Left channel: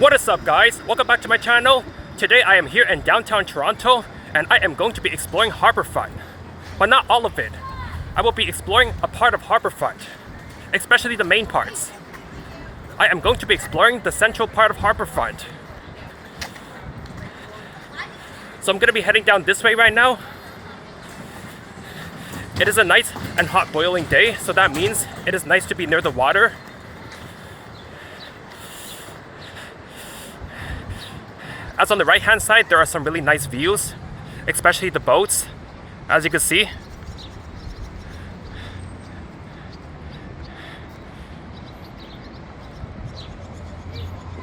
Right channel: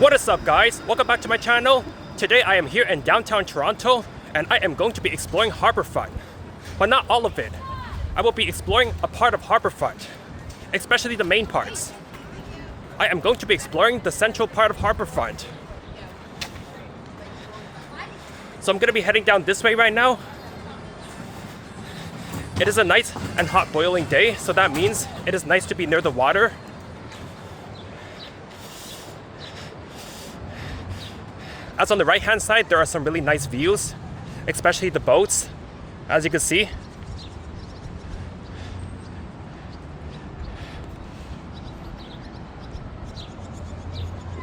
What is up, guys? Welcome back to my channel. Today I am here in downtown Toronto and I am going to be exploring Harbourfront. But not all of it. I will be exploring a part of Harbourfront, especially the main parts. I am going to be exploring the central part of Harbourfront. So I'm going to be heading down this way right now. It is a nice and hot boiling day, so that means it is nice to be near the water. As on the right hand side, there are some really nice views, especially the boats, as you can see.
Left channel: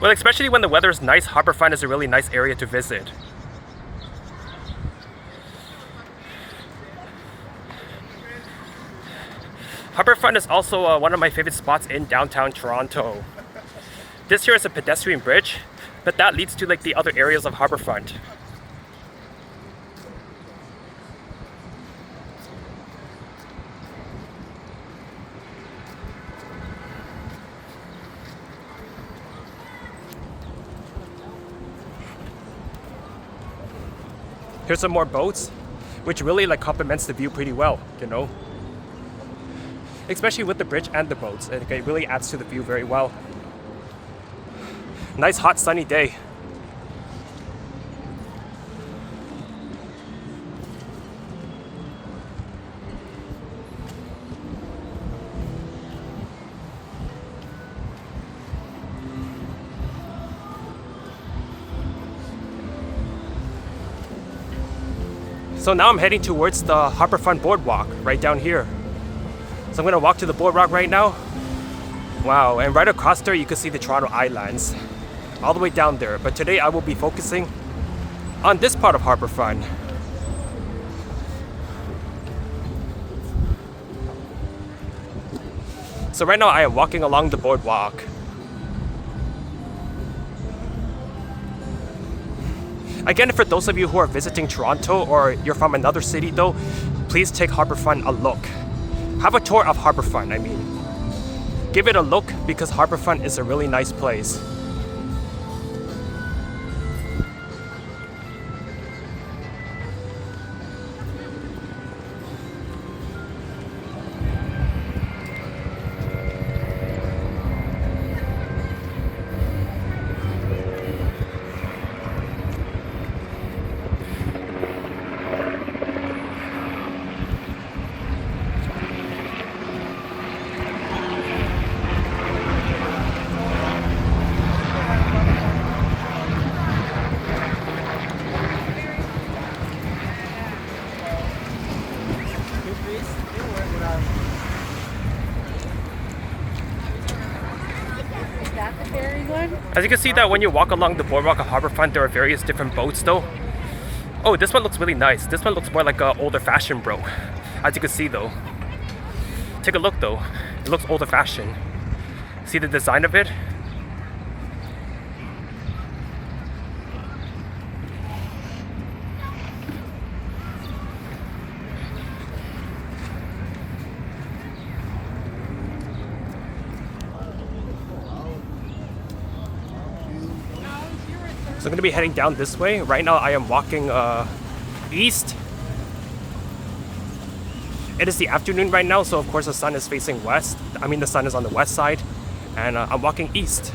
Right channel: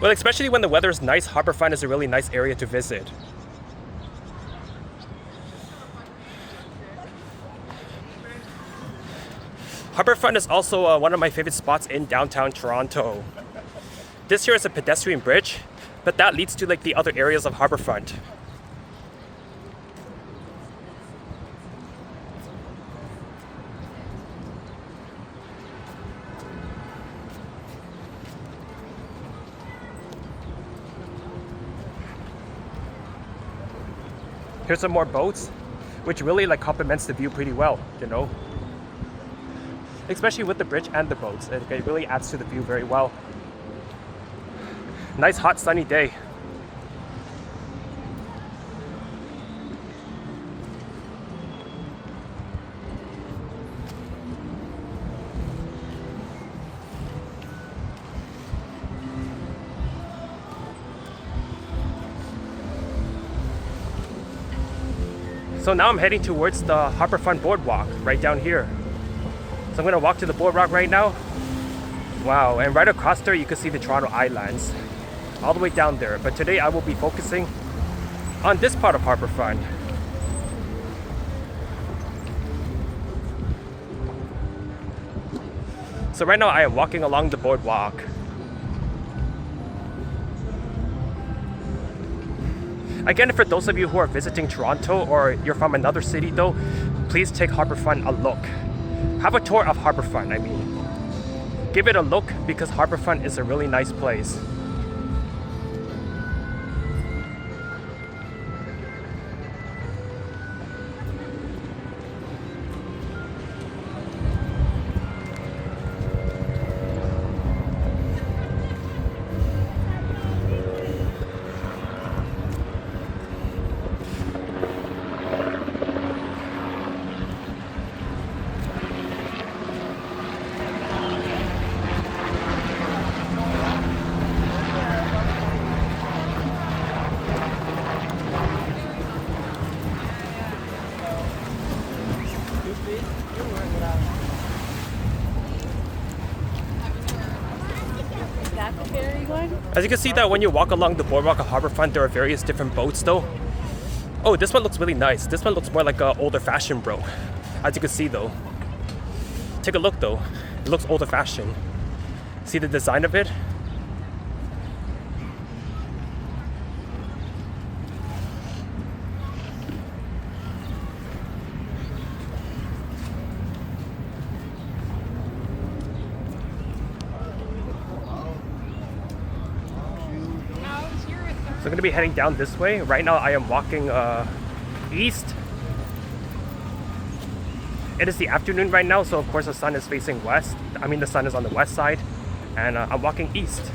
Well, especially when the weather is nice, Harbourfront is a really nice area to visit. Harbourfront is also one of my favorite spots in downtown Toronto. This here is a pedestrian bridge, but that leads to like the other areas of Harbourfront. Here's some more boats, which really like complements the view pretty well, you know. Especially with the bridge and the boats, it really adds to the view very well. Nice hot sunny day. So now I'm heading towards the Harbourfront boardwalk right down here. So I'm gonna walk to the boardwalk right now. Wow, and right across there you can see the Toronto Islands, all the way down there. But today I will be focusing on this part of Harbourfront. So right now I am walking along the boardwalk. Again, for those of you who are visiting Toronto or you're from another city though, please take Harbourfront a look. Have a tour of Harbourfront, I mean. Give it a look because Harbourfront is a really nice place. As you can see that when you walk along the boardwalk of Harbourfront, there are various different boats though. Oh, this one looks really nice. This one looks more like an older fashioned bro. As you can see though. Take a look though. It looks older fashioned. See the design of it? So I'm going to be heading down this way. Right now I am walking east. It is the afternoon right now, so of course the sun is facing west. I mean the sun is on the west side, and I'm walking east.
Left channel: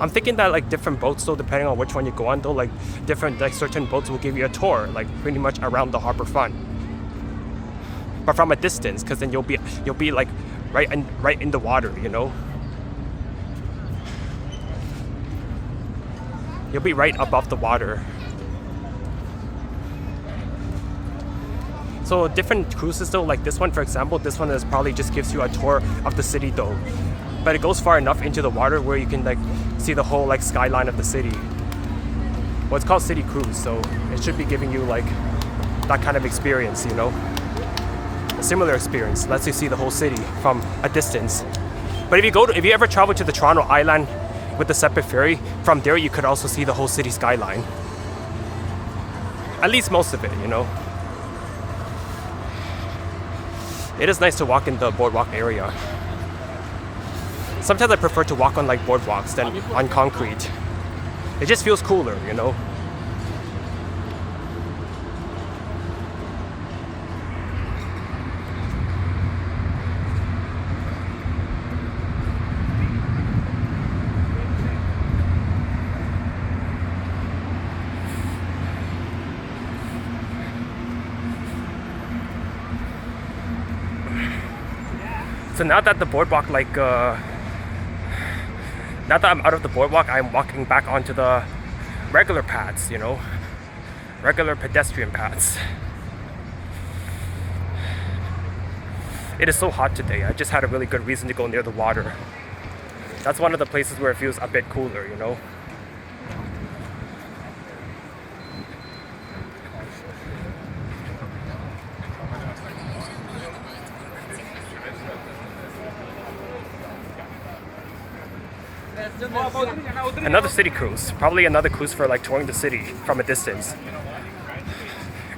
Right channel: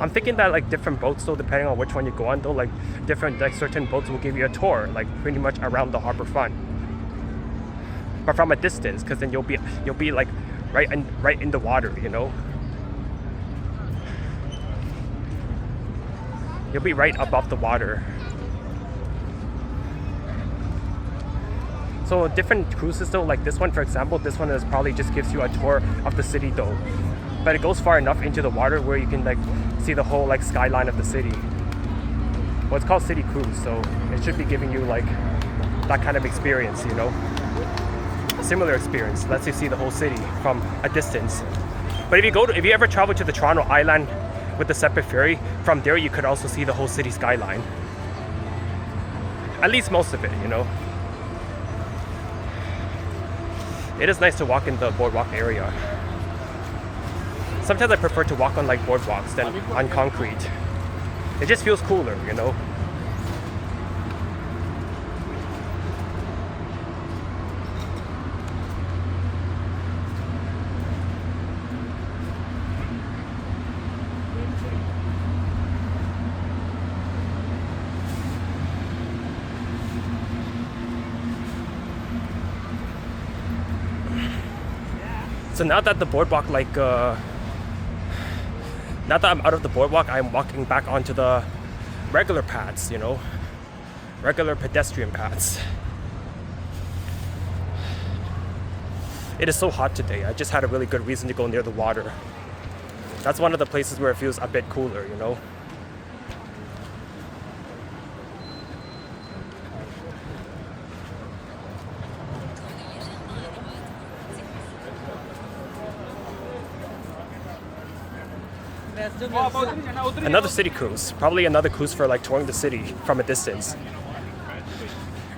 I'm thinking that like different boats though, depending on which one you go on though, like different like certain boats will give you a tour like pretty much around the Harbourfront. But from a distance, because then you'll be like right in the water, you know. You'll be right above the water. So different cruises though, like this one for example, this one is probably just gives you a tour of the city though. But it goes far enough into the water where you can like see the whole like skyline of the city. Well, it's called City Cruise, so it should be giving you like that kind of experience, you know. Similar experience, lets you see the whole city from a distance. But if you ever travel to the Toronto Island with the separate ferry, from there you could also see the whole city skyline. At least most of it, you know. It is nice to walk in the boardwalk area. Sometimes I prefer to walk on like boardwalks than on concrete. It just feels cooler, you know? So now that the boardwalk, now that I'm out of the boardwalk, I'm walking back onto the regular paths, you know, regular pedestrian paths. It is so hot today. I just had a really good reason to go near the water. That's one of the places where it feels a bit cooler, you know. Another city cruise. Probably another cruise for like touring the city from a distance.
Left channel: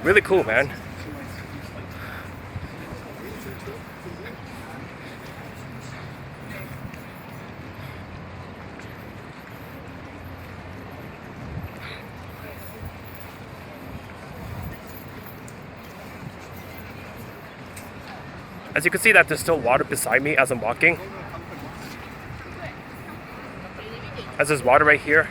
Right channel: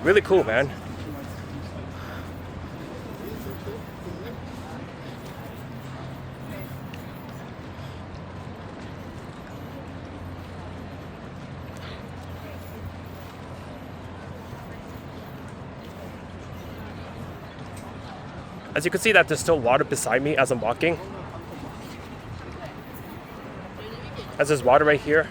Really cool, man. As you can see that there's still water beside me as I'm walking. As there's water right here.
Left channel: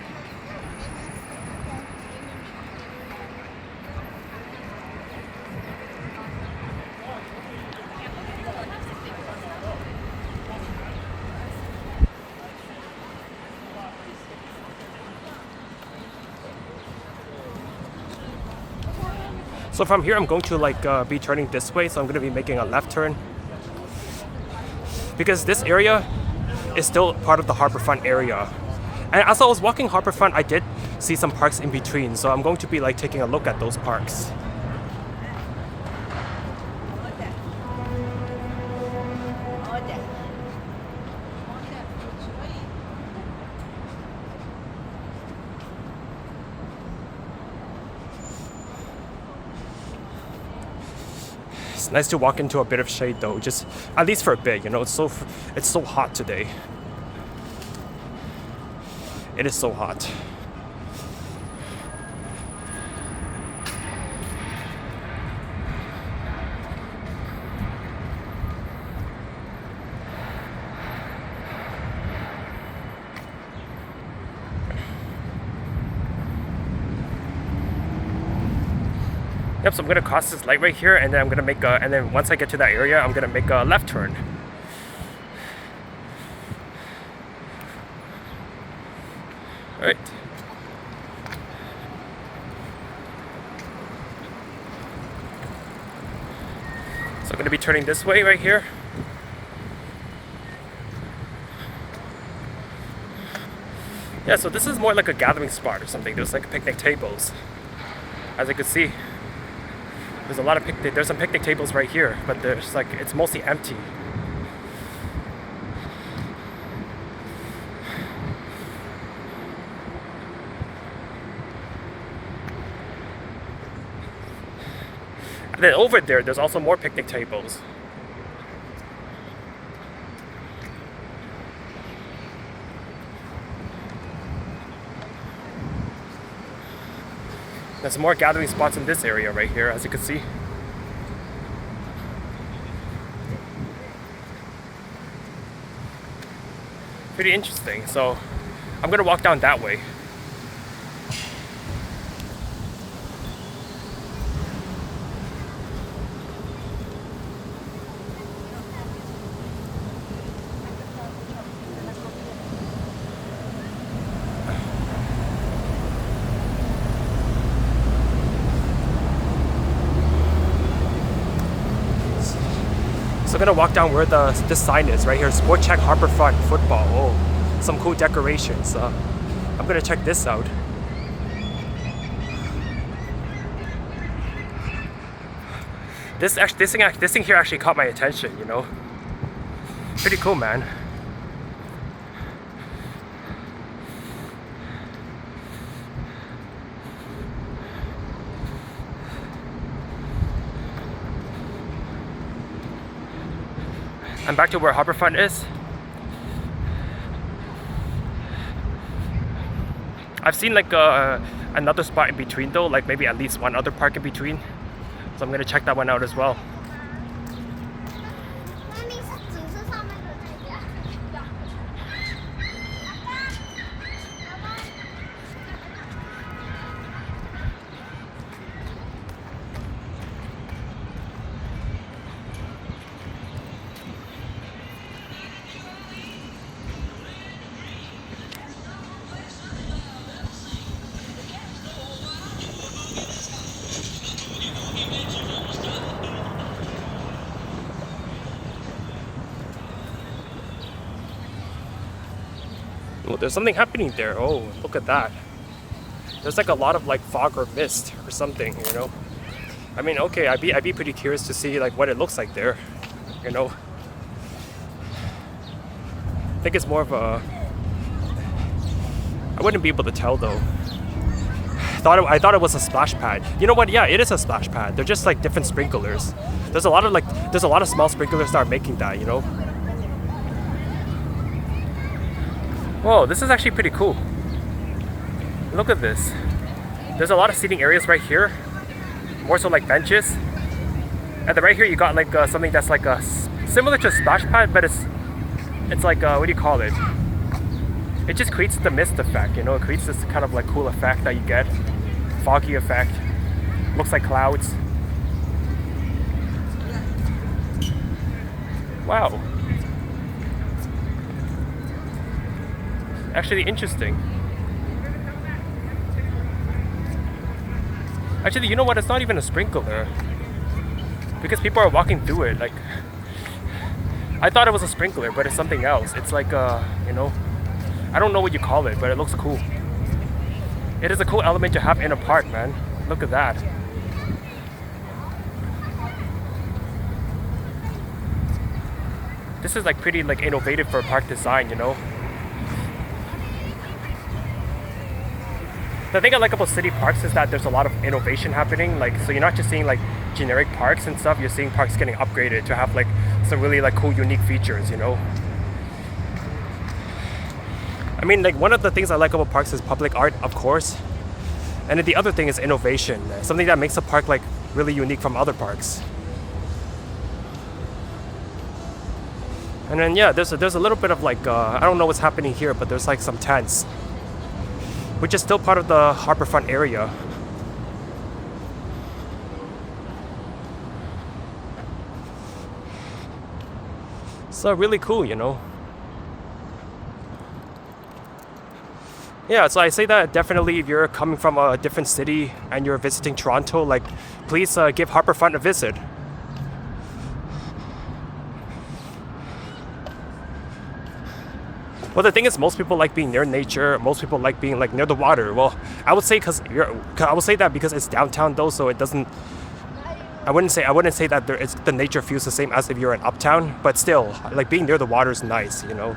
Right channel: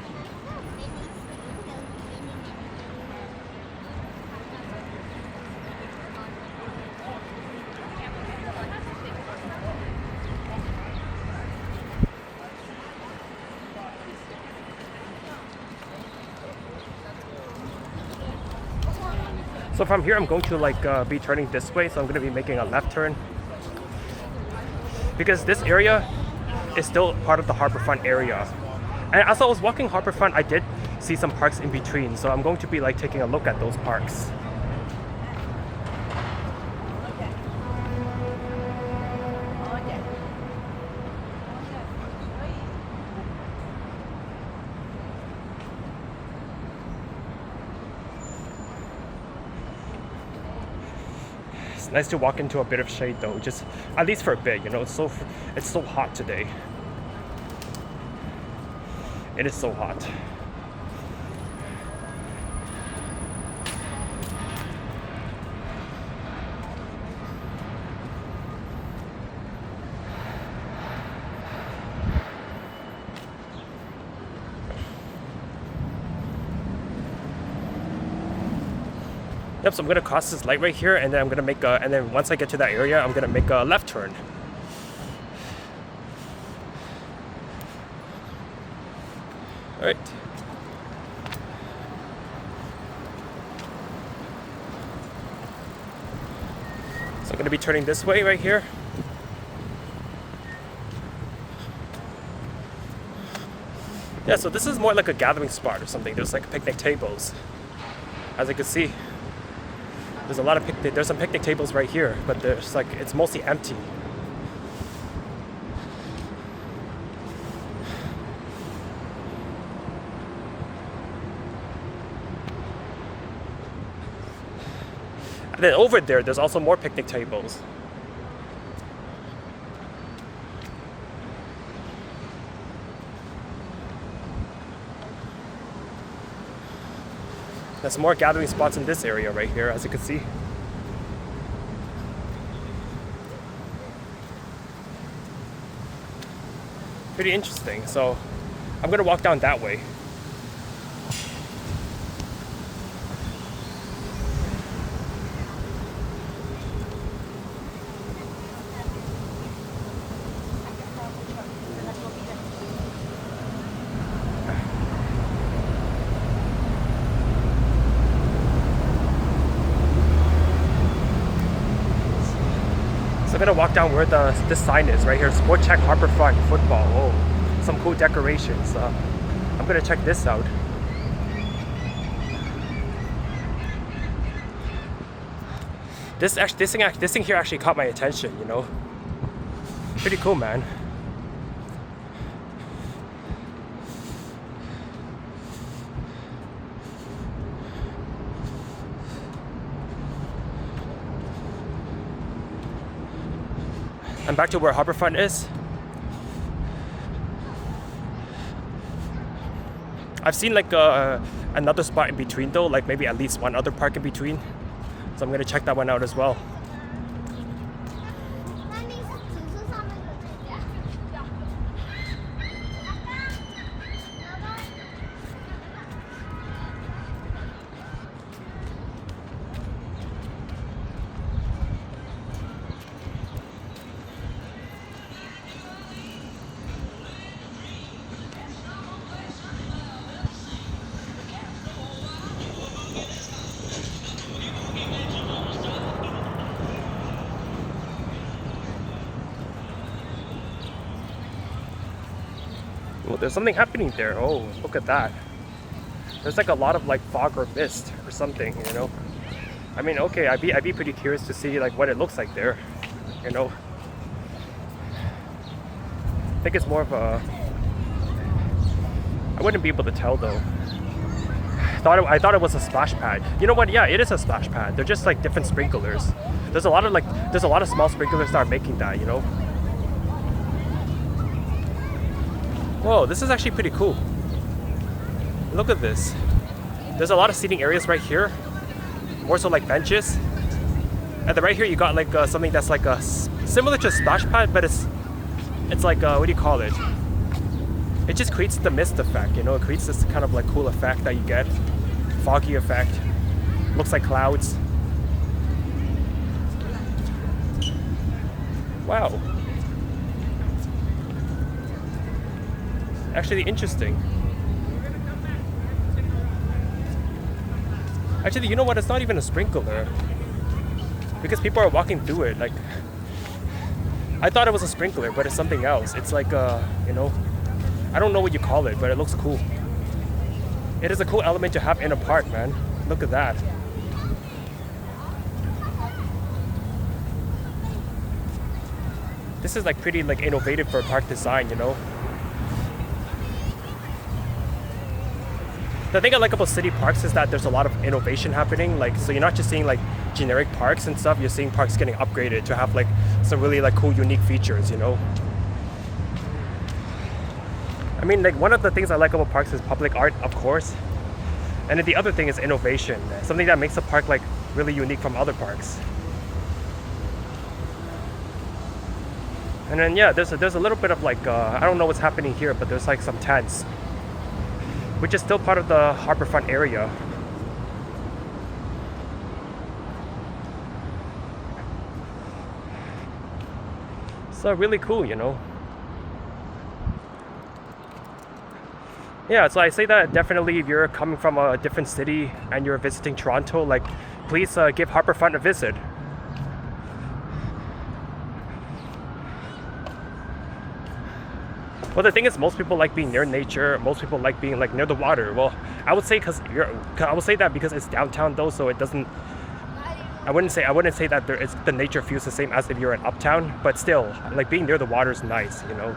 So from here I'm going to like be turning this way, so I'm going to be making a left turn. Because this area is still part of the Harbourfront area. And as I was walking Harbourfront, I did see some parks in between, so I'm going to be like taking a look at those parks. It's nice to walk into a bit of shade though, just at least for a bit, you know. It's so hot today. It is so hot. Yep, so I'm gonna cross this light right here, and then I'm gonna make a, and then once I get to that area, I'm gonna make a left turn. All right. So I'm gonna be turning this way right here. Yeah, so this is more like a gathering spot or something. There's like picnic tables. As you can see, there's a lot of there's some picnic tables right here, but there's like, it's mostly empty. And then over there's also more picnic tables. There's some more gathering spots in this area right here, as you can see. Pretty interesting. So I'm gonna walk down that way. So I'm gonna walk down where this sign is right here. Sport Check Harbourfront football. Oh, some cool decorations. I'm gonna check this out. This thing here actually caught my attention. You know, pretty cool, man. And back to where Harbourfront is. I've seen like another spot in between though, like maybe at least one other park in between. So I'm gonna check that one out as well. Well, there's something happening there. Oh, look at that. There's like a lot of like fog or mist or something, you know. I mean, okay, I'd be pretty curious to see like what it looks like there, you know. I think it's more of a. I wouldn't be able to tell though. I thought it was a splash pad. You know what? Yeah, it is a splash pad. They're just like different sprinklers. There's a lot of small sprinklers that are making that, you know. Whoa, this is actually pretty cool. Look at this. There's a lot of seating areas right here. More so like benches. And then right here you got like something that's like similar to a splash pad, but it's like what do you call it? It just creates the mist effect, you know. It creates this kind of like cool effect that you get. Foggy effect. Looks like clouds. Wow. Actually interesting. Actually, you know what? It's not even a sprinkler. Because people are walking through it. Like, I thought it was a sprinkler, but it's something else. It's like, you know, I don't know what you call it, but it looks cool. It is a cool element to have in a park, man. Look at that. This is like pretty like innovative for park design, you know. The thing I like about city parks is that there's a lot of innovation happening. Like, so you're not just seeing like generic parks and stuff. You're seeing parks getting upgraded to have like some really like cool, unique features, you know. I mean, like one of the things I like about parks is public art, of course. And then the other thing is innovation. Something that makes a park like really unique from other parks. And then yeah, there's a little bit of like I don't know what's happening here, but there's like some tents, which is still part of the Harbourfront area. So really cool, you know. Yeah, so I say that definitely if you're coming from a different city and you're visiting Toronto, like please give Harbourfront a visit. Well, the thing is, most people like being near nature. Most people like being like near the water. Well, I would say I would say that because it's downtown though, so it doesn't. I wouldn't say that the nature feels the same as if you're in uptown, but still, like being near the water is nice, you know.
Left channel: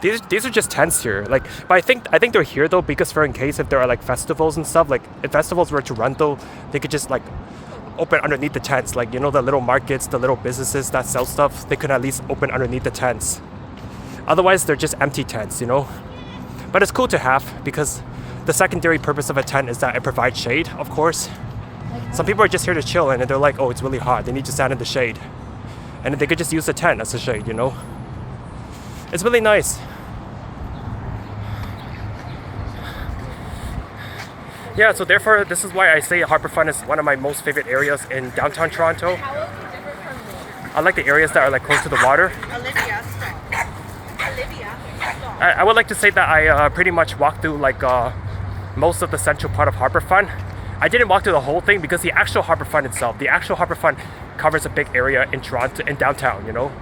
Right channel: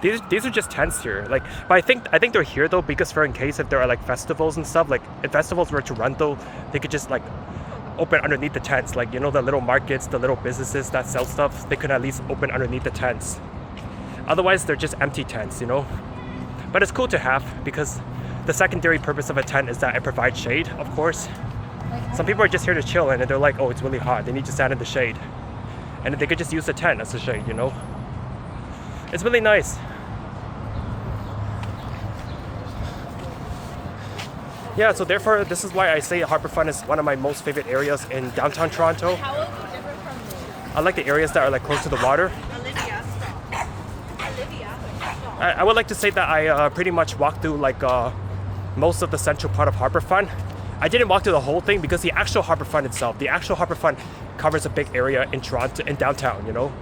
These are just tents here, like, but I think they're here though because for in case if there are like festivals and stuff, like if festivals were to run though, they could just like open underneath the tents, like, you know, the little markets, the little businesses that sell stuff, they could at least open underneath the tents. Otherwise they're just empty tents, you know. But it's cool to have because the secondary purpose of a tent is that it provides shade, of course. Some people are just here to chill and they're like, oh, it's really hot, they need to stand in the shade, and they could just use the tent as a shade, you know. It's really nice. Yeah, so therefore, this is why I say Harbourfront is one of my most favorite areas in downtown Toronto. I like the areas that are like close to the water. I would like to say that I pretty much walked through like most of the central part of Harbourfront. I didn't walk through the whole thing because the actual Harbourfront itself, the actual Harbourfront covers a big area in Toronto, in downtown, you know.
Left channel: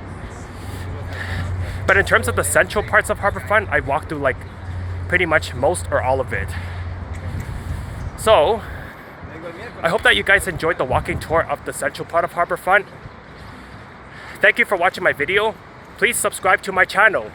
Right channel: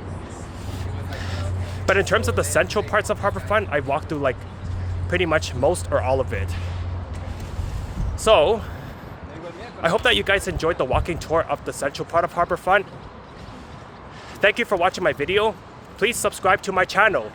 But in terms of the central parts of Harbourfront, I walked through like pretty much most or all of it. So, I hope that you guys enjoyed the walking tour of the central part of Harbourfront. Thank you for watching my video. Please subscribe to my channel.